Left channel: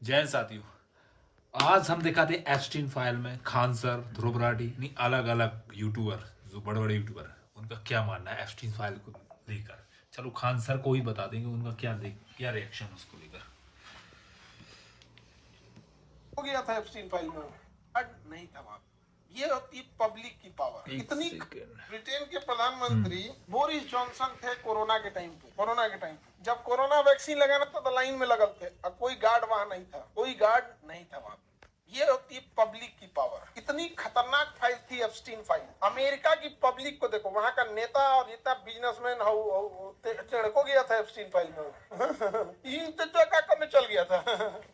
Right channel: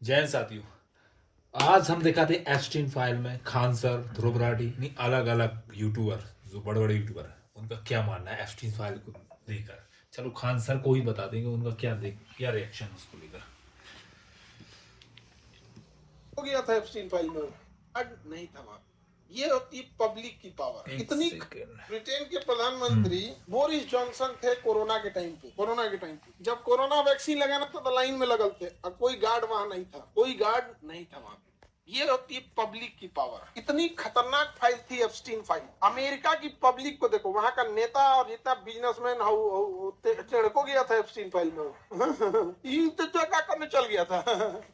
जैन साथियों, आज हम दिखाते एप्स्टीन फाइल में खान सर, ध्रुव राठी नहीं अलग अलग यूट्यूबर जो बड़े बड़े यूट्यूबर हैं उनका क्या मानना है एप्स्टीन फाइल को लेकर। चलो खान सर को ही बता देंगे उनका क्या रिएक्शन उसको लेकर। हो गया था एप्स्टीन फाइल में नहीं था वहां। ये होती पब्लिक की पावर इतनी। ब्रिटेन के प्रधानमंत्री बोरिस जॉनसन थे कोरोना के टाइम पे जब कोरोना वैक्सीन लगाना था तो लाइन में लगल थे और कोई गार्ड वहां नहीं था, कोई गार्ड नहीं था वहां पे। ये होती है पब्लिक की पावर। इतनी खतरनाक फाइल थी एप्स्टीन फाइल। अमेरिका की पब्लिक को देखो, वहां का नेता और जितना बिजनेसमैन को गया था एप्स्टीन फाइल में तो क्या करने चल गया था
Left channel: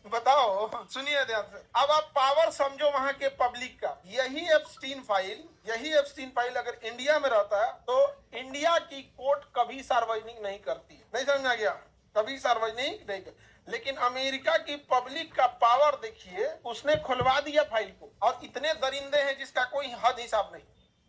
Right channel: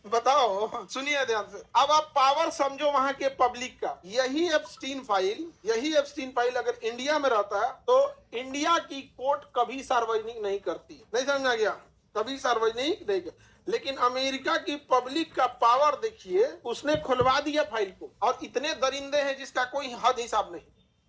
बताओ, सुनिए ध्यान से। अब आप पावर समझो वहां के पब्लिक का। यही एप्स्टीन फाइल अगर इंडिया में रहता है तो इंडिया की कोर्ट कभी सार्वजनिक नहीं करती। नहीं समझा गया? कभी सार्वजनिक नहीं। लेकिन अमेरिका की पब्लिक का पावर देखिए, उसने खुलवा दिया फाइल को। और इतने दरिंदे हैं जिसका कोई हद हिसाब नहीं।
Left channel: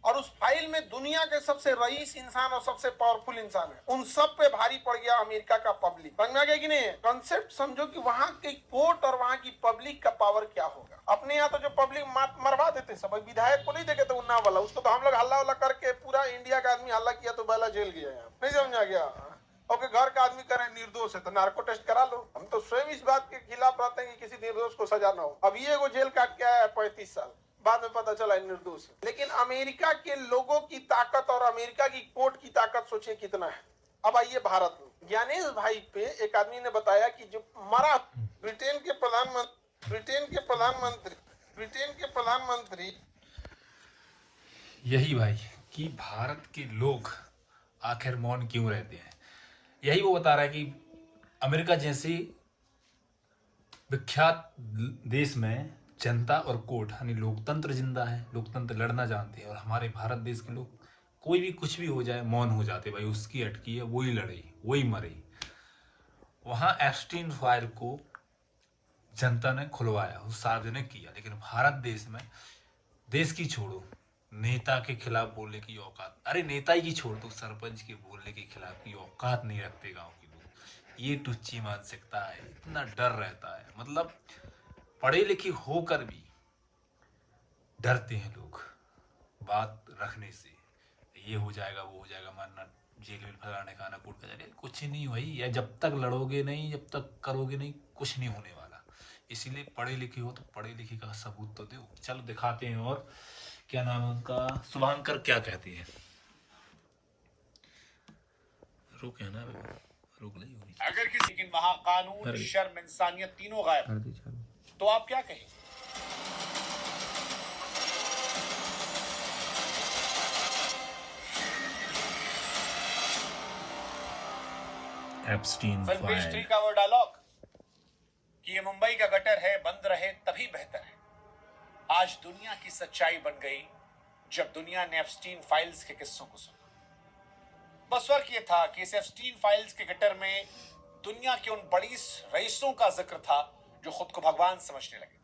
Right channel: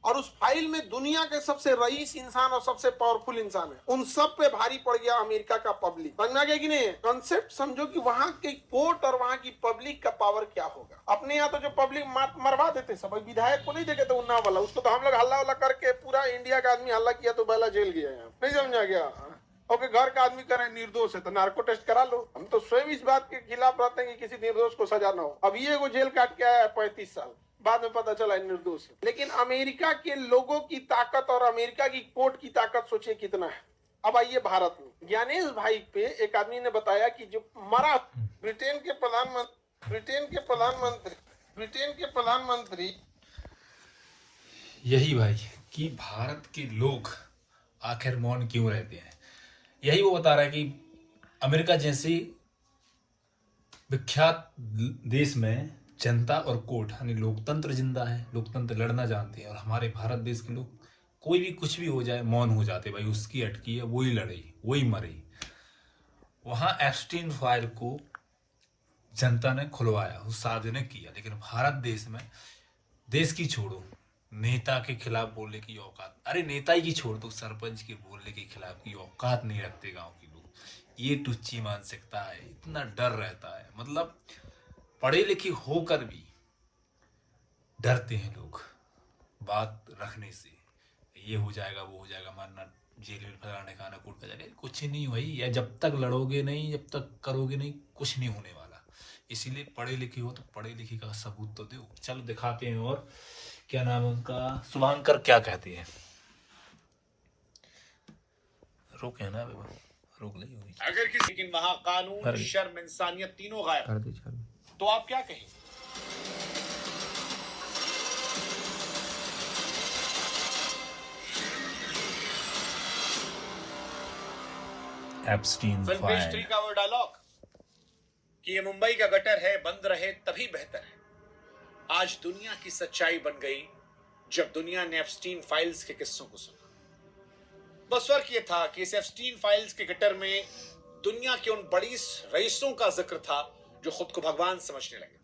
और उस फाइल में दुनिया के सबसे रईस इंसान और सबसे पावरफुल इंसान है, उन सब पे भारी पड़ गया अमेरिका का पब्लिक। समझ गया कि नहीं? कॉन्सेप्ट समझो कि वहां की कोर्ट और वहां की पब्लिक का पावर क्या होगा। अपने यहाँ तो जो पब्लिक मरवा देते सब, विधायक को नहीं देखे तो उन्ना वाला, उसको तो हम लोग हल्ला वल्ला करके पूरा इंडिया का आदमी हल्ला किया तो पहला जेल गया है। नहीं समझा गया? ओके, घर का आदमी करें निर्दोष है तो नार्को टेस्ट करा लो। हम तो स्वयं इस बात के खिलाफ रहते हैं कि किसी निर्दोष को सजा ना हो। अब ये वो जेल काट के आया है 35 साल, बाद में पता चला निर्दोष है। लेकिन अमेरिका के लोगों की ताकत और अमेरिका की कोर्ट की ताकत सोचिए कितना है। अब आइए भारत में। ज्ञानेश भाई पे एक आदमी ने बताया कि जो मरा ब्रिटेन के प्रधानमंत्री यही भाई कि भारत के लोग आखिर मौन क्यों रहते हैं, यही वो बता रहा है कि अमेरिका जैसी विख्यात देश में जनता और कोर्ट यानी लोकतंत्र जिंदा है, लोकतंत्र लड़ना जानते हैं। और हमारे भारत देश के लोग कोई भी कुछ भी हो जाए मौन हो जाते, भाई उसकी अटकी है, वही लड़े वही मरे। वहां एप्स्टीन फाइल को जनता ने खुलवाया, सार्वजनिक किया। लेकिन भारत देश में देश की छोड़ो, नेता के खिलाफ बोलने की औकात, अरे नेता ही की छोड़ दो, सरपंच के बोलने के खिलाफ की औकात नहीं रखते गांव के लोग। ये टुच्ची मानसिकता है, इतना डर रहता है। मतलब पढ़े लिखे होकर भी डरते हैं लोग बात रखने से। ये हो जाएगा वो हो जाएगा, मानना जेल में फलाने खाना कूट का जाएगा, कुछ नहीं भाई। या जब तक लड़ोगे नहीं, जब तक करोगे नहीं, कुछ नहीं होने वाला। इसीलिए पढ़े लिखे हो तो पढ़े लिखे का सबूत तो दो। चलो दिखाते हैं। और क्या नाम है उनका, शुभांकर क्या कहते हैं। रोक है ना, रोक ली हुई। अगर किसी, लेकिन वहां कानून, शर्म, इंसानियत तीनों गायब, तो आप क्या कहें? एप्स्टीन फिल्म पेज 3 का वो डायलॉग कि ये मुंबई का गटर है, बंद रहे तभी बेहतर है, आज दुनिया की सच्चाई बन गई जब दुनिया ने एप्स्टीन फाइल्स के किस्सों को सुना। बस फर्क ये था कि इस एप्स्टीन फाइल्स के गटर में दुनिया के उन बड़ी रईसों का जिक्र था जो खुद को भगवान समझने लगे।